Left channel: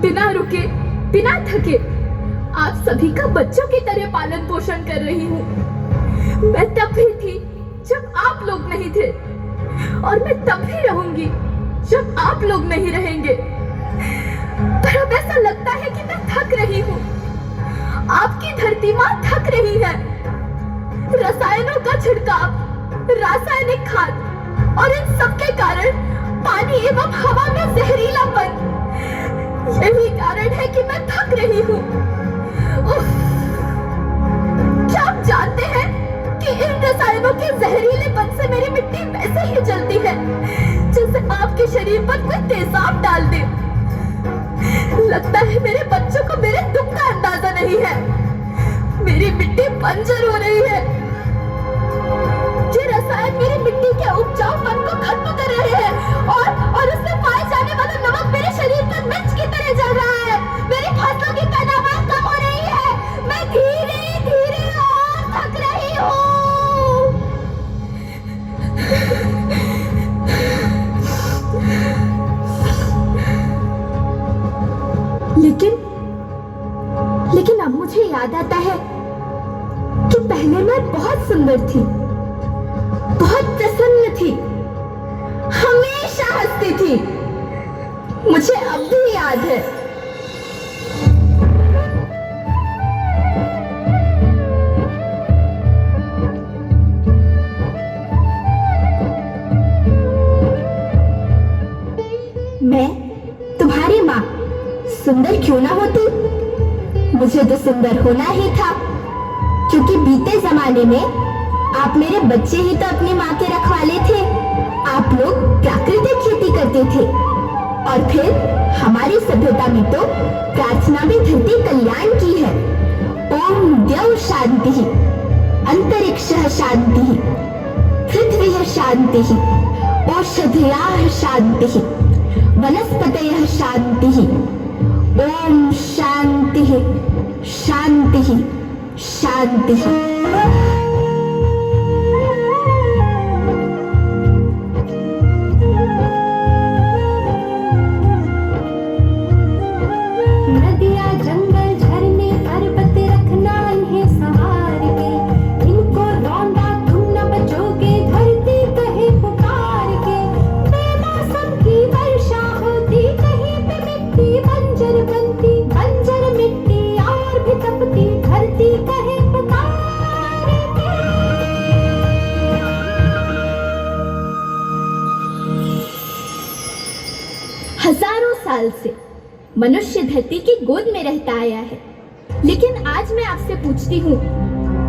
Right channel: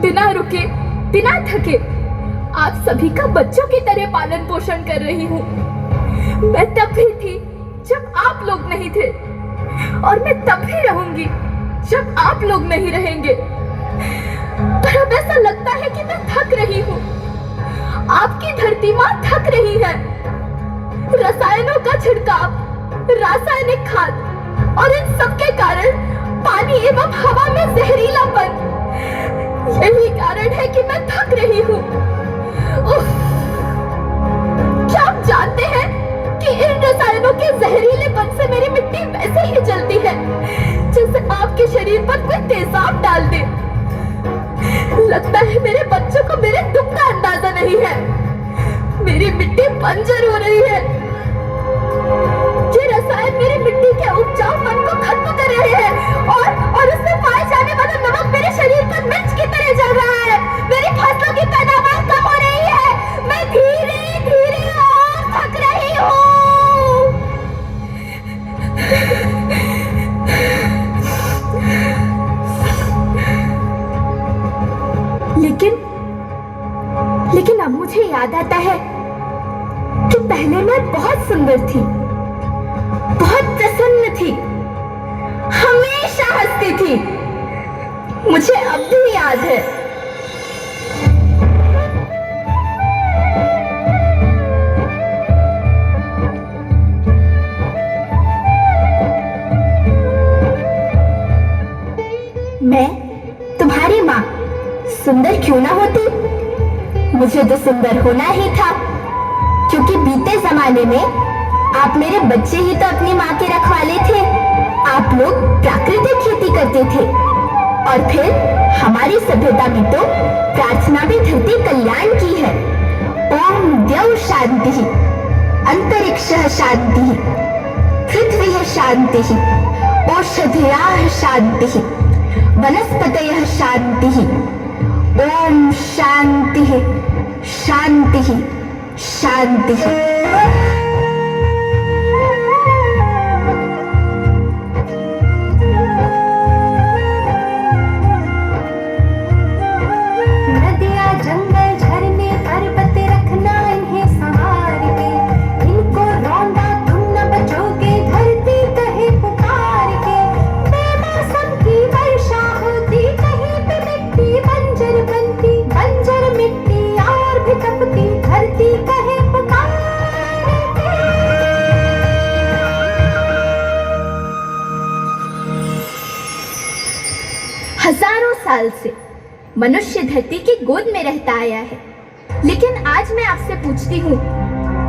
बिना रुके, बिना थके आप सभी का बच्चों की तरह पालन पोषण कर रही हूँ। मैं तब भी थी जब आप लोग नहीं थे, और मैं तब भी रहूंगी जब आप लोग नहीं रहेंगे। पर अब ऐसा लगता है कि मैं थक रही हूँ। आपकी धरती माँ थक रही है। रसायनों का छिड़काव, रासायनिक खाद और इन सब के कारण पानी एवं हवा में जहरीलापन, यही कारण है कि मैं थक रही हूँ। क्या आप जानते हैं कि इन रसायनों के जहरीलेपन से मेरी मिट्टी वैसे ही जलती है जैसे आपके शरीर पर कोई तेजाब डाल दे। लगता है मेरे बच्चों को मेरे दुख का अंदाजा नहीं है। मेरी मिट्टी बंजर हो रही है। ये रसायन मेरी मिट्टी के उपजाऊपन को खत्म कर रहे हैं और उसमें पाए जाने वाला नमक मेरे शरीर पर मिर्च की तरह जल रहा है। मेरी फसलों की पैदावार कम हो रही है। मैं धीरे धीरे और थक रही हूँ। लेकिन अब मुझे याद आता है कि पहले मैं बहुत सुंदर थी, बहुत प्रसन्न थी, हमेशा हंसती थी। मुझे अब भी याद है। मैं तुम्हारी माँ सुंदर क्यों ना होती, मुझे तो सुंदर होना ही था, क्योंकि बीते जमाने में आप मेरे बच्चे ही तो अपनी माँ के रखवाले थे। आप लोग प्राकृतिक खेती करते थे और फिर हमारी सभ्यता में तो प्रार्थना भी धरती कल्याण की है। ओम द्यौ शांति, अंतरिक्षः शांति, पृथ्वी शांति, औषधयः शांति, वनस्पतयः शांति। ओम शांति शांति शांति। नदियाँ जंगल झरने पर्वत रखना इन्हें संवार के, इनको रौंदा तुम न बचोगे धरती कहे पुकार के। बेमौसम की वर्षा होती कहीं पे मिट्टी बंजर बनती, बंजर मिट्टी और भी तपती धरती कहे पुकार के। हजारों साल से मनुष्य धरती की गोद में रहता आया है, लेकिन आज मैं आपसे पूछती हूँ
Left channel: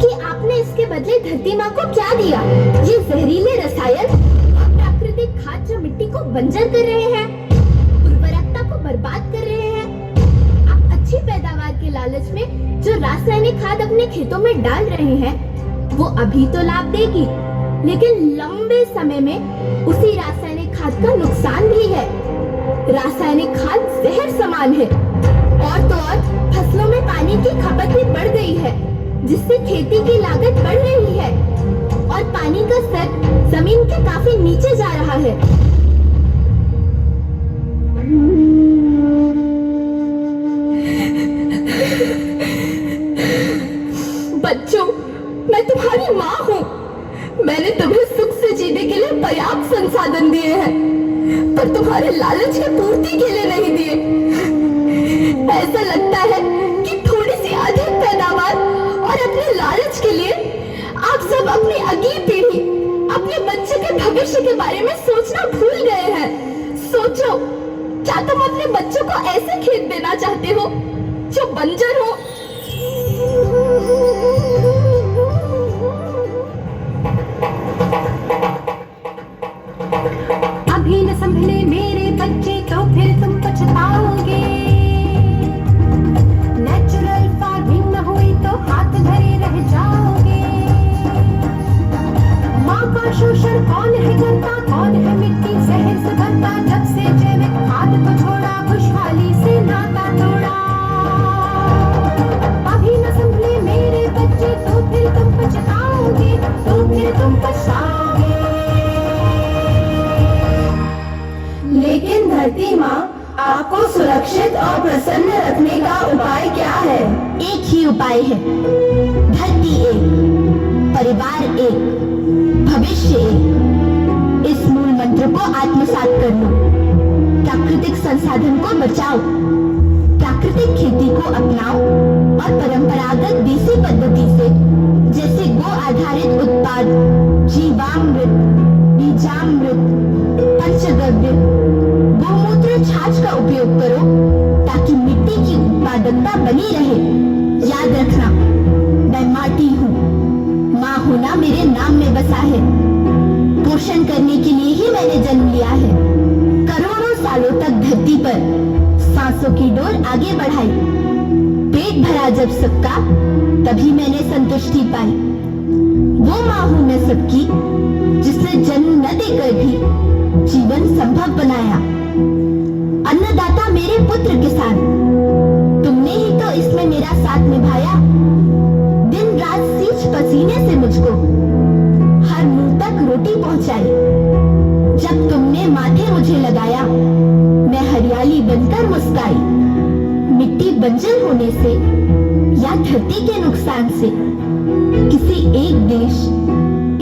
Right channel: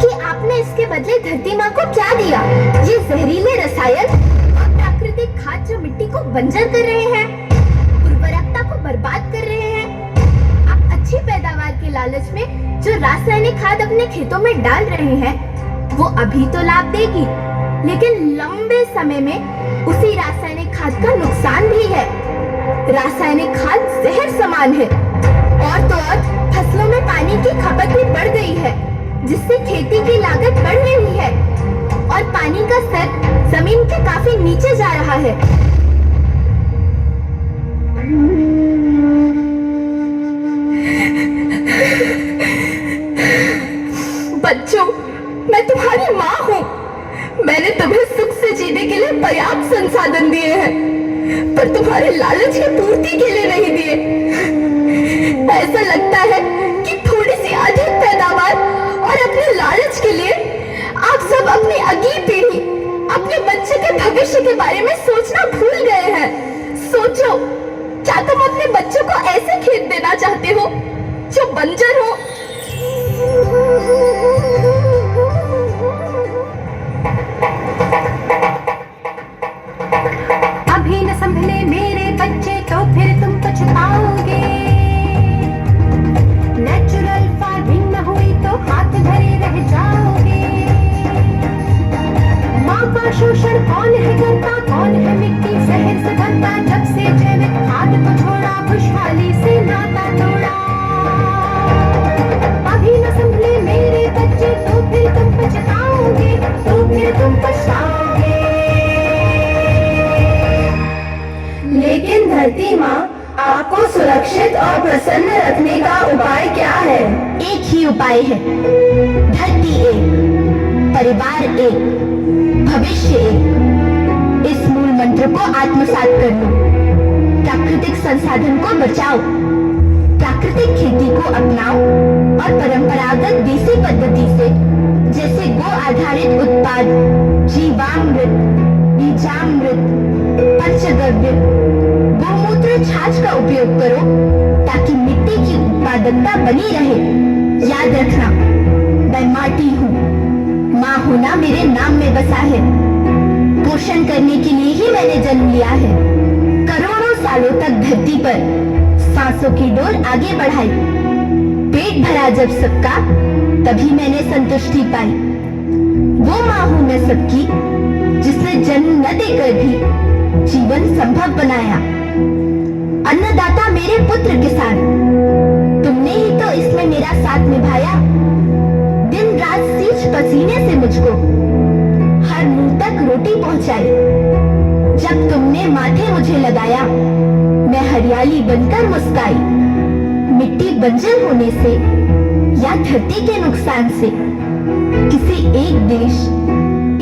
कि आपने इसके बदले धरती माँ को क्या दिया? ये जहरीले रसायन और प्राकृतिक खाद जो मिट्टी को बंजर कर रहे हैं, उर्वरकता को बर्बाद कर रहे हैं। आप अच्छी पैदावार के लालच में जो रासायनिक खाद अपने खेतों में डाल रहे हैं, वो अभी तो लाभ देगी, लेकिन लंबे समय में उसी रासायनिक खाद का नुकसान भी है। रासायनिक खाद जहर समान है, और तो और फसलों में पानी की खपत भी बढ़ गई है, जिससे खेती की लागत बढ़ रही है और पानी का स्तर जमीन के काफी नीचे जा रहा है। बच्चों, मैं तुम्हारी माँ हूँ। मैंने तुम्हें सुख से जीने के लिए पर्याप्त संसाधन दिए हैं, पर तुम्हारे लालच की पूर्ति के लिए नहीं दिए। ऐसा लगता है कि थोड़ी सी अधिक पैदावार और अपने लालच के लिए आप सब अपनी अगली पीढ़ी, अपने बच्चे के भविष्य के बारे में सोचना भूल गए हैं। सोचो, क्या तुम अपने बच्चों को ऐसे खेत देना चाहते हो जो बंजर हो? अभी न संभले मेरे बच्चे तो फिर तुम पछताओगे। नेचुरल फार्मिंग न हुई तो हाथ धरे रह जाओगे। माँ का शोषण कौन है करता, कौन है मिट्टी जहर से बनता, जब से जैविक खाद को छोड़ा खुशहाली से नाता तोड़ा। अभी न संभले मेरे बच्चे तो फिर तुम पछताओगे, तो फिर तुम पछताओगे। लेकिन धरती माँ आपको सुरक्षित और प्रसन्न रखने का उपाय क्या है? एक ही उपाय है, धरती एक, परिवार एक, भविष्य एक। इस मूल मंत्र को आत्मसात कर लो। प्राकृतिक संसाधन को बचाओ, प्राकृतिक खेती को अपनाओ और परंपरागत देसी पद्धति से, जैसे गो आधारित उत्पाद, जीवामृत, बीजामृत, पंचगव्य, गोमूत्र छाछ का उपयोग करो ताकि मिट्टी की उत्पादकता बनी रहे। याद रखना, मैं माटी हूँ, माँ होना मेरे नाम में बसा है। पोषण करने के लिए ही मैंने जन्म लिया है। करोड़ों सालों तक धरती पर सांसों की डोर आगे बढ़ाई। पेट भरा जब सबका, तभी मैंने संतुष्टि पाई। वो माँ हूँ मैं सबकी, जिसने जन्म न देकर भी जीवन संभव बनाया। अन्नदाता मेरे पुत्र किसान, तुमने ही तो इसमें मेरा साथ निभाया। दिन रात सींच पसीने से मुझको हर मुंह तक रोटी पहुंचाई। जब तुमने माथे मुझे लगाया, मैं हरियाली बनकर मुस्काई। मिट्टी बंजर होने से या धरती के नुकसान से किसी एक देश,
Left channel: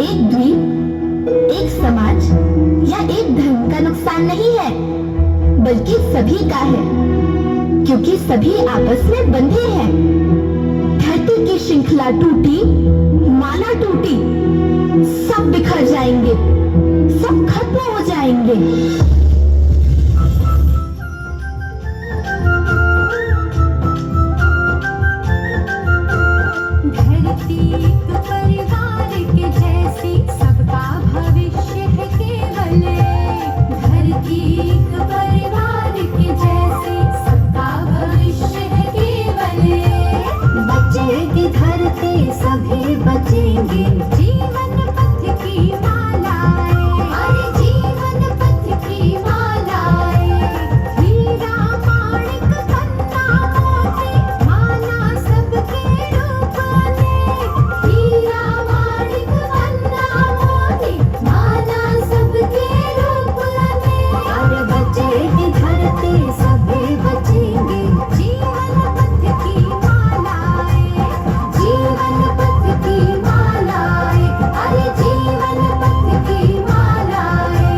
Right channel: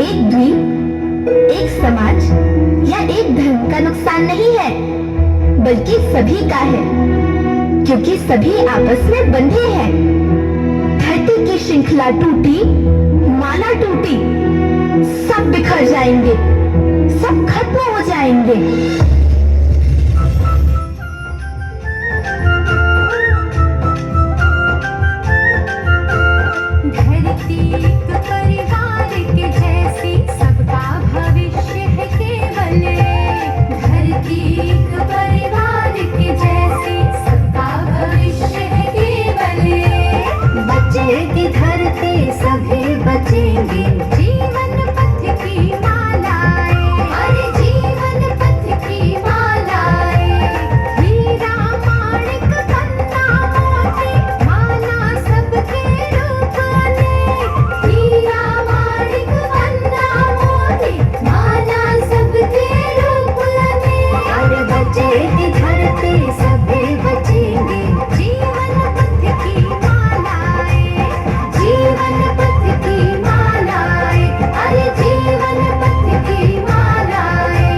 एक द्वीप, एक समाज या एक धर्म का नुकसान नहीं है, बल्कि सभी का है, क्योंकि सभी आपस में बंधे हैं। धरती की श्रृंखला टूटी, माला टूटी, सब बिखर जाएंगे, सब खत्म हो जाएंगे। धरती एक परिवार के जैसी, सबका भविष्य है केवल। धरती एक परिवार के जैसी, सबका भविष्य है केवल। बचेगी धरती, सभी बचेंगे। जीवन पथ की मालाएं, अरे जीवन पथ की मालाएं। हीरा माणिक गंगा मोती, माला सबके रूप ने। हीरा माणिक गंगा मोती, माला सबके रूप ने। अरे बचेगी धरती, सभी बचेंगे। जीवन पथ की मालाएं, जीवन पथ की मालाएं, अरे जीवन पथ की मालाएं।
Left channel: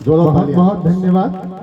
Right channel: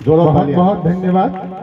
जोड़ो बहुत तालियां। बहुत धन्यवाद।